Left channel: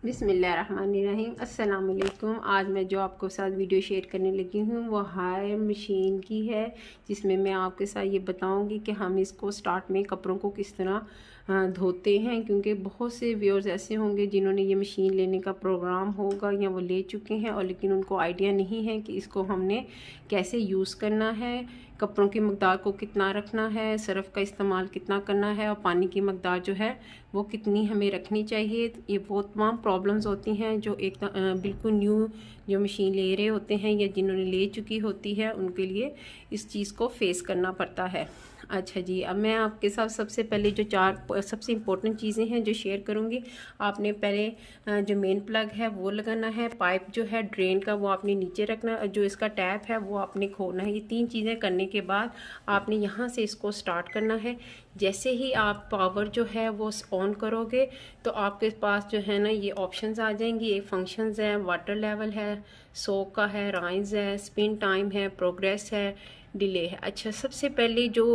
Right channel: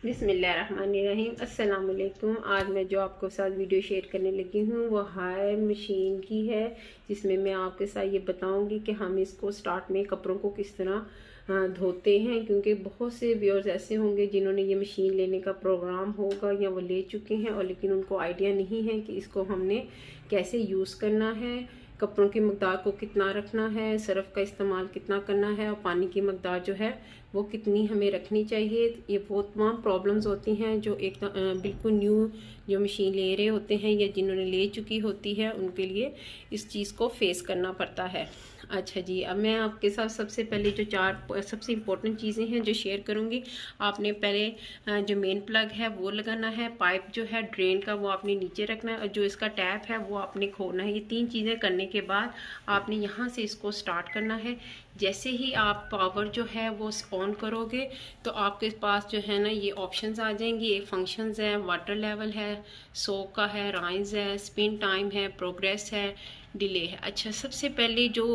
बिस्मिल्लाहिर्रहमानिर्रहीम। अस्सलाम वालेकुम। आज मैं जो आपको साथ वीडियो शेयर करने लगी हूँ वो हायर मशीन की है, जिसमें मैं आपके साथ ये बताऊंगी कि हम इसको स्टार्ट में कपड़ों को किस तरह धोते हैं, क्योंकि बहुत से व्यूअर्स ऐसे होंगे जिन्होंने ये मशीन लेने का प्रोग्राम होगा या वो ले चुके हैं और लेकिन उनको आइडिया नहीं है कि इसको हमने कैसे यूज़ करना है, कपड़ों की मकदार को कितना रखना है, सर्फ का इस्तेमाल कितना करना है और पानी की मकदार जो है वो कितनी हमें रखनी चाहिए। ये वो तमाम प्रॉब्लम्स होती हैं जो एक बिल्कुल न्यू जो मशीन ले रहे होते हैं या जिन्होंने ले चुकी होती है उनके लिए इस चीज़ को फेस करना पड़ता है। अच्छा जी, अब मैं आपके साथ सबसे पहले जो चार सबसे इम्पोर्टेंट चीज़ें हैं जो शेयर करूँगी। आपने पहले जो मेन प्लग है वो लगाना है, पाइप जो है ड्रेन का वो आपने नीचे रखना है, जो इसका टैप है वो आपने खोलना है। ये तीन चीज़ें करने के बाद आपने यहाँ से इसको स्टार्ट करना है। जैसे ही आप पावर जो है वो ऑन करोगे तो आपके पास जो है ना ये ऑप्शंस आ जाएंगी। ये फंक्शंस हैं, वाटर लेवल है, सोक का है, राइज है, स्पिन टाइम है, प्रोग्रेस है, डिले है। अच्छा, सबसे पहले जो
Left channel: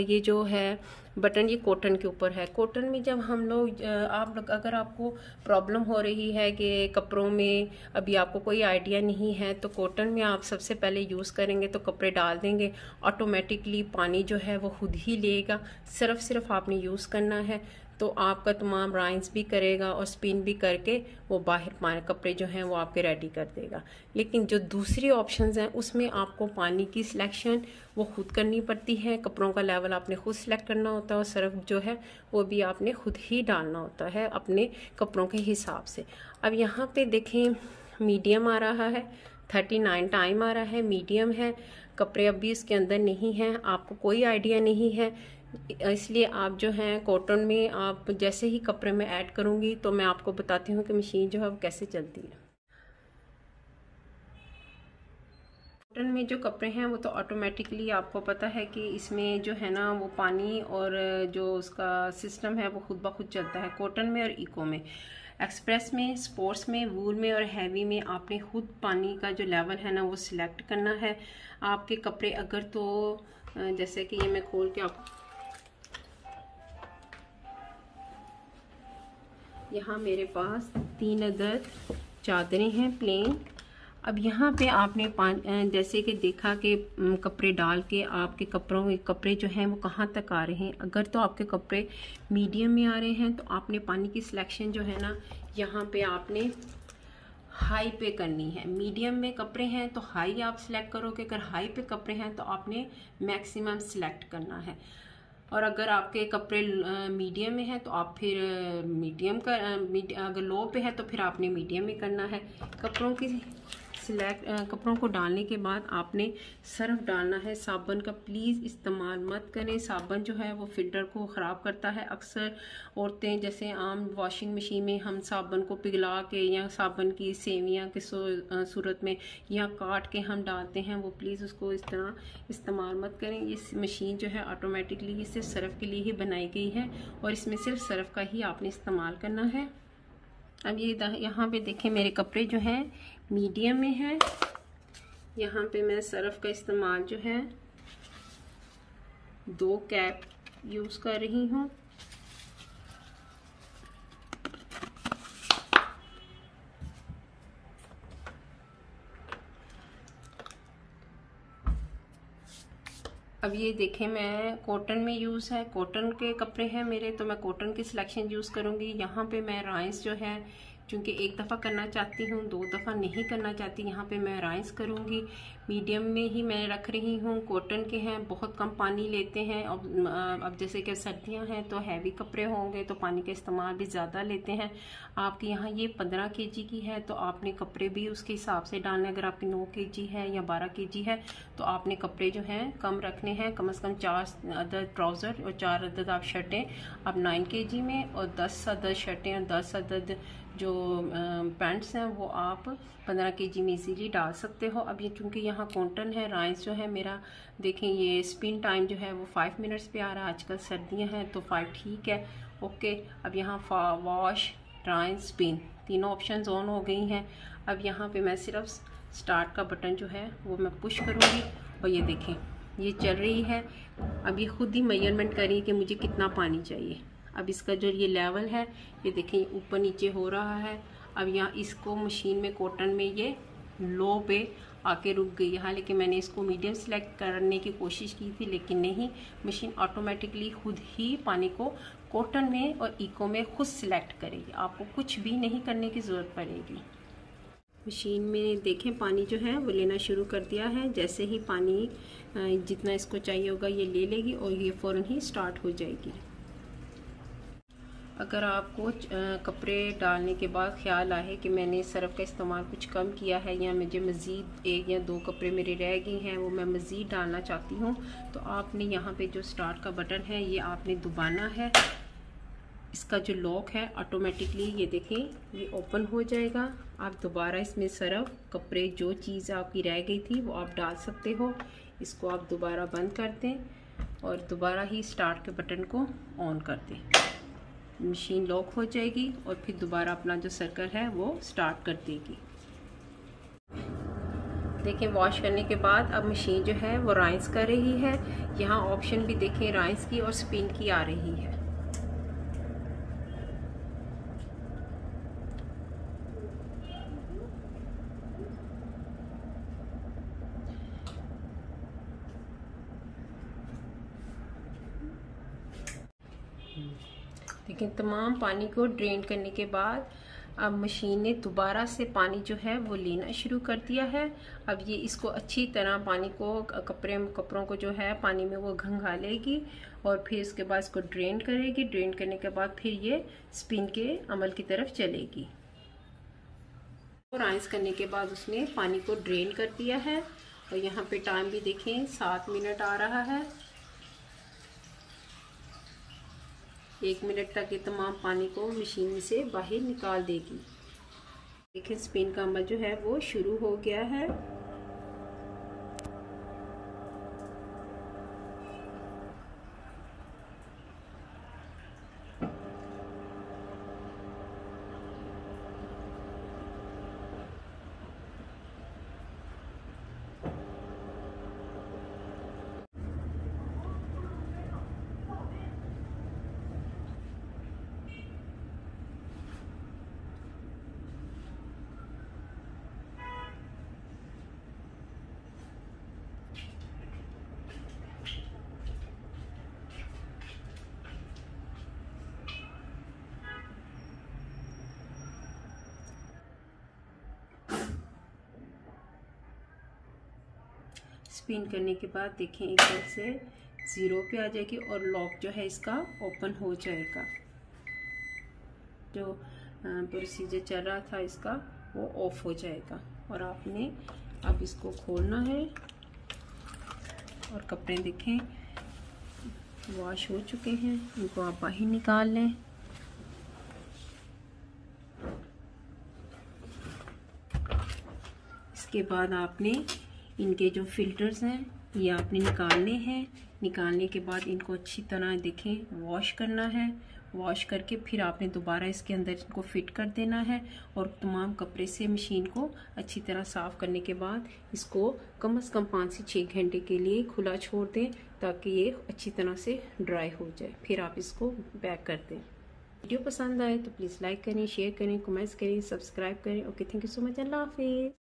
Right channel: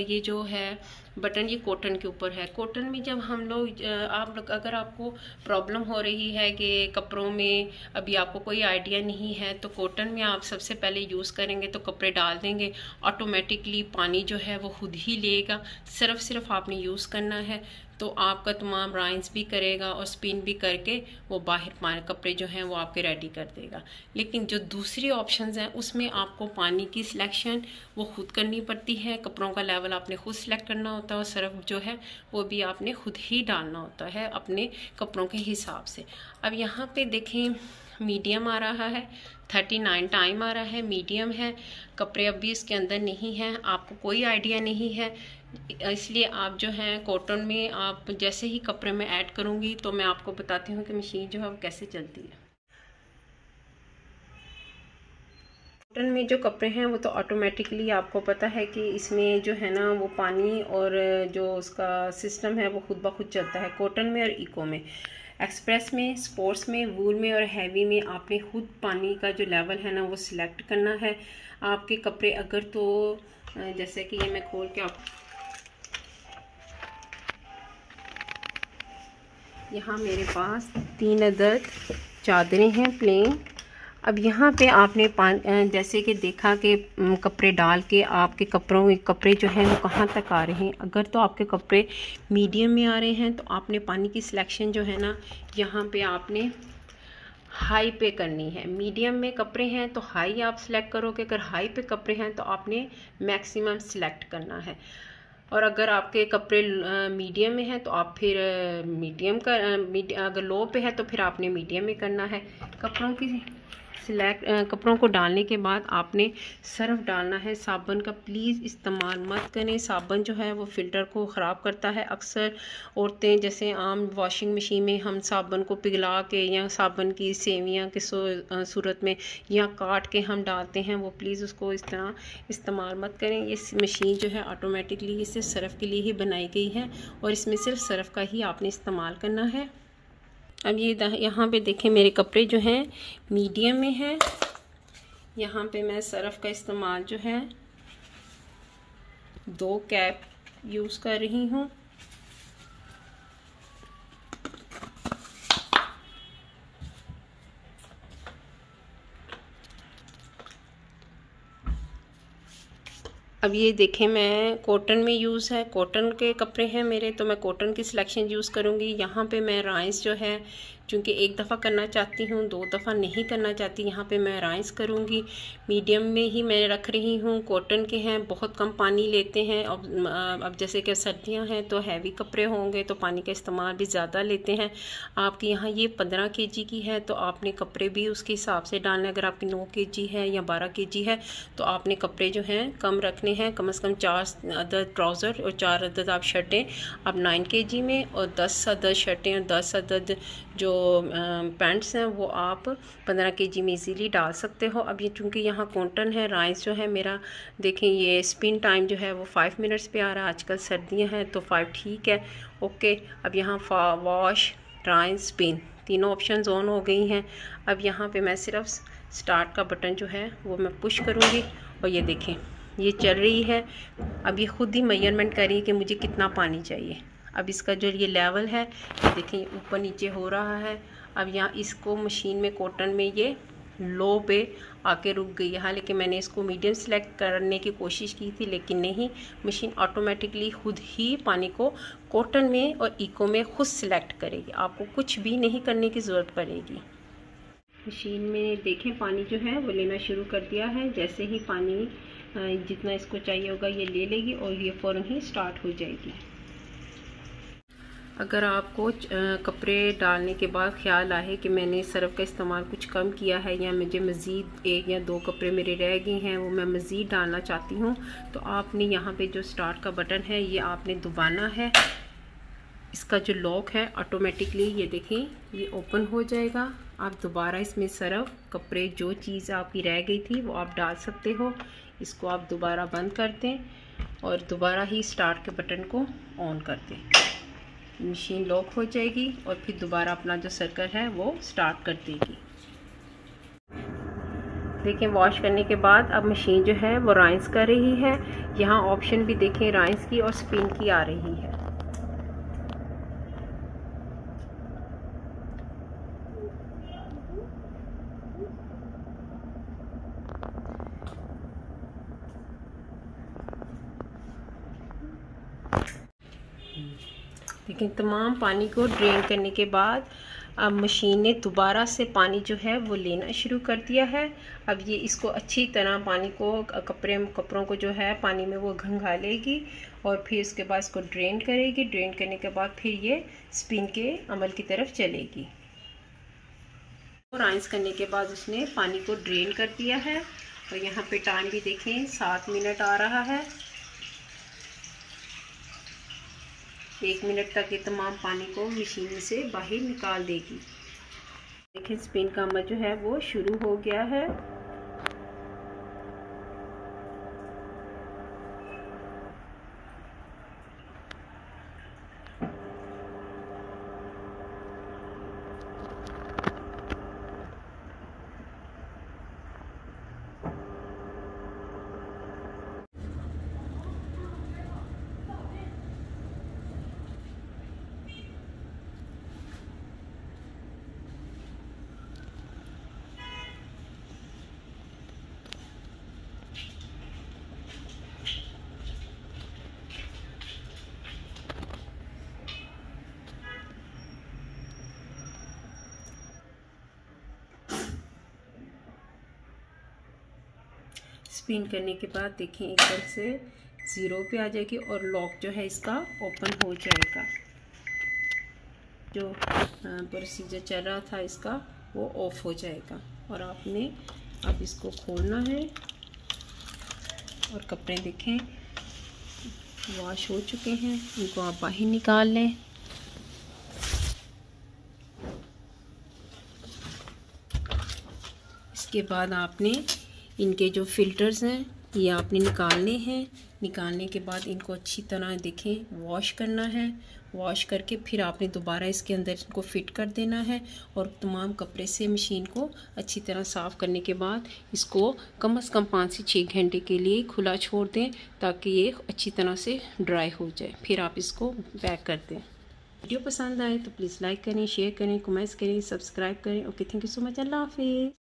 ये जो है बटन ये कॉटन के ऊपर है। कॉटन में जब हम लोग अगर आपको प्रॉब्लम हो रही है कि कपड़ों में अभी आपको कोई आइडिया नहीं है तो कॉटन में आप सबसे पहले यूज़ करेंगे तो कपड़े डाल देंगे, ऑटोमेटिकली पानी जो है वो खुद ही लेगा। सिर्फ आपने यूज़ करना है तो आपका तमाम राइंस भी करेगा और स्पिन भी करके वो बाहर कपड़े जो हैं वो आपके रेडी कर देगा। लेकिन जो दूसरी ऑप्शंस हैं उसमें आपको पानी की सिलेक्शन वो खुद करनी पड़ती है, कपड़ों का लेवल आपने खुद सेलेक्ट करना होता है और सर्फ जो है वो भी आपने खुद ही डालना होता है अपने कपड़ों के हिसाब से। अब यहाँ पे देखें मीडियम आ रहा है, 39 टाइम आ रहा है, मीडियम है। कपड़े अभी इसके अंदर नहीं हैं, आपको कोई आइडिया नहीं है, इसलिए आप जो है कॉटन में आप जैसे ही कपड़े में ऐड करूँगी तो मैं आपको बताती हूँ कि मशीन जो है वो कैसे चलती है। कॉटन में जो कपड़े हैं वो तो ऑटोमेटिकली आपको पता है कि इसमें जो है ना वो पानी और जो उसका सिस्टम है वो खुद ब खुद चलता है। कॉटन में और इको में, एक्सप्रेस में, स्पोर्ट्स में, वूल में और हैवी में आपने खुद पानी का जो लेवल है ना वो सिलेक्ट करना है। आपके कपड़े अगर तो जैसे कि ये मैं खोल के आप यहाँ मेरे पास 3 अदद चादरें हैं प्लेन। अब यहाँ पे आपने जैसे कि देखा कि कपड़े डाल के आपके कपड़े जो हैं वो कहाँ तक आ रहे हैं। अगर तो आपके कपड़े मीडियम में आ रहे हैं तो आपने पानी की सिलेक्शन जो है ना यहाँ पे आपने हाई पे करनी है। मीडियम में कपड़े हैं तो हाई आप सिलेक्ट करोगे, अगर हाई पे कपड़े हैं तो आपने मैक्सिमम सिलेक्ट करना है। और अगर आपके कपड़े मीडियम में हैं तो आप फिर अगर लो पे है तो फिर आपने मीडियम में करना है। कपड़ों को डालने के बाद आपने सर्फ डालना है। साबुन का प्लीज़ इस्तेमाल मत करें, साबुन जो है वो फ़िल्टर को ख़राब करता है। अक्सर औरतें जैसे आम वॉशिंग मशीन में हम साबुन को पिघला के या साबुन की सेवियां के सूरत में या काट के हम डालते हैं, वो प्लीज़ उसको इस तरह इस्तेमाल मत करें। ये मशीन जो है ऑटोमेटिकली ये सिर्फ सर्फ के लिए ही बनाई गई है और इसमें सिर्फ सर्फ का ही आपने इस्तेमाल करना है। अब ये यहाँ पे देखें मेरे कपड़े जो हैं मीडियम में हैं। यहाँ पे मैं सर्फ का इस्तेमाल जो है 2 कैप यूज़ कर रही हूँ। अब ये देखें मैं कॉटन में यूज़ है, कॉटन के कपड़े हैं मेरे तो मैं कॉटन की सिलेक्शन यूज़ करूँगी। यहाँ पे मैं राइस जो है चूँकि एक दफ़ा करना चाहती हूँ, 2 दफ़ा नहीं करना चाहती, यहाँ पे मैं राइस करूँगी। मीडियम में ही मैं रख रही हूँ। कॉटन के हैं, बहुत कम पानी लेते हैं। अब जैसे कि सर्दियाँ हैं तो हैवी कपड़े होंगे तो पानी का इस्तेमाल भी ज़्यादा लेते हैं। आपके यहाँ ये 15 kg की है तो आपने कपड़े भी उसके हिसाब से डालना है। अगर आपकी 9 kg है या 12 kg है तो आपने कपड़े जो हैं कम रखने हैं, कम से कम 4 अदद ट्राउज़र और 4 अदद आप शर्टें आप 9 kg में और 10 अदद शर्टें और 10 अदद जो पैंट्स हैं वो आप 15 kg में इजीली डाल सकते हो। अब ये चूँकि यहाँ कॉटन है, राइस जो है मेरा देखें ये स्पिन टाइम जो है वो 5 मिनट्स पे आ रहा है। आजकल सर्दियाँ हैं तो 5 ठीक है, ओके। अब यहाँ वॉश, राइस, स्पिन तीनों ऑप्शंस ऑन हो गई हैं। अब यहाँ पे मैं सिर्फ स्टार्ट का बटन जो है वो मैं पुश करूँगी और ये देखें ये चल रही है। अब ये खुद ही मेजरमेंट करें कि मुझे कितना पानी चाहिए। अब इसका जो ये लेवल है ये देखें ऊपर नीचे हो रहा है। अब यहाँ इसको मशीन में कॉटन में ये लो पे आके रुक गई है। हालांकि मैंने इसको मीडियम सेलेक्ट करने की कोशिश की थी लेकिन नहीं, मशीन ऑटोमेटिकली खुद ही पानी को कॉटन में और इको में खुद सिलेक्ट करेगी, आपको कुछ भी नहीं करने की ज़रूरत पड़ेगी। मशीन में देखें पानी जो है वो लेना शुरू कर दिया है। जैसे ही पानी जितना इसको चाहिए होगा ये ले लेगी और ये फ़ौरन ही स्टार्ट हो जाएगी। अगर आपको कपड़े डालने के बाद ख्याल आए कि मैंने सर्फ का इस्तेमाल कुछ कम किया है या मुझे मज़ीद 1 या 2 कपड़े मेरे रह गए हैं वो मैं मज़ीद डालना चाहती हूँ, तो आपने यहाँ पे जो स्टार्ट का बटन है ये आपने दबाना है। इसका जो लॉक है ऑटोमेटिकली ये देखें ये ओपन हो जाएगा। आप दोबारा इसमें सर्फ कपड़े जो चीज़ आपकी रह गई थी वो आप डाल सकते हो। इसको आप दोबारा बंद कर दें और दोबारा ही स्टार्ट के बटन को ऑन कर दें। मशीन लॉक हो जाएगी और फिर दोबारा अपना जो सर्कल है वो स्टार्ट कर देगी। देखें वॉश करने के बाद अब मशीन जो है वो राइंस कर रही है। यहाँ ऑप्शन भी देखें राइंस की और स्पिन की आ रही है। लेकिन तमाम पानी को ड्रेन करने के बाद अब मशीन ने दोबारा से पानी जो है वो लेना शुरू कर दिया है। अब ये इसको अच्छी तरह पानी को कपड़ों को जो है पानी में वो घंघालेगी और फिर उसके बाद इसको ड्रेन करेगी। ड्रेन करने के बाद फिर ये स्पिन के अमल की तरफ चलेगी। और राइंस करने के बाद उसने पानी को ड्रेन कर दिया है और यहाँ पे टाइम भी देखें 7 मिनट आ रहा है। 1 मिनट तक ये तमाम पानी को मशीन से बाहर निकाल देगी। देखिए स्पिन का अमल जो है वो शुरू हो गया है। स्पिन करने के बाद देखें एकदम से 0 पे आ जाएगी और लॉक जो है इसका ओपन हो जाएगा। जो प्रोसीजर चल रहा था इसका वो ऑफ हो जाएगा और आपने अब इसको खोलना है और कपड़े देखें वॉश हो चुके हैं, इनको आप बाहर निकाल लें। इसके बाद आपने इनके जो फिल्टर्स हैं ये आपने निकालने हैं। निकालने के बाद इनको अच्छी तरह देखें वॉश करना है। वॉश करके फिर आपने दोबारा इसके अंदर इनको फिट कर देना है और तमाम कपड़े से मशीन को अच्छी तरह साफ़ करने के बाद इसको कम से कम 5 से 6 घंटे के लिए खुला छोड़ दें ताकि ये अच्छी तरह से ड्राई हो जाए। फिर आप इसको पैक कर दें। वीडियो पसंद आए तो प्लीज़ लाइक करें, शेयर करें, कमेंट्स करें, सब्सक्राइब करें। Okay, thank you so much. अल्लाह हाफिज़।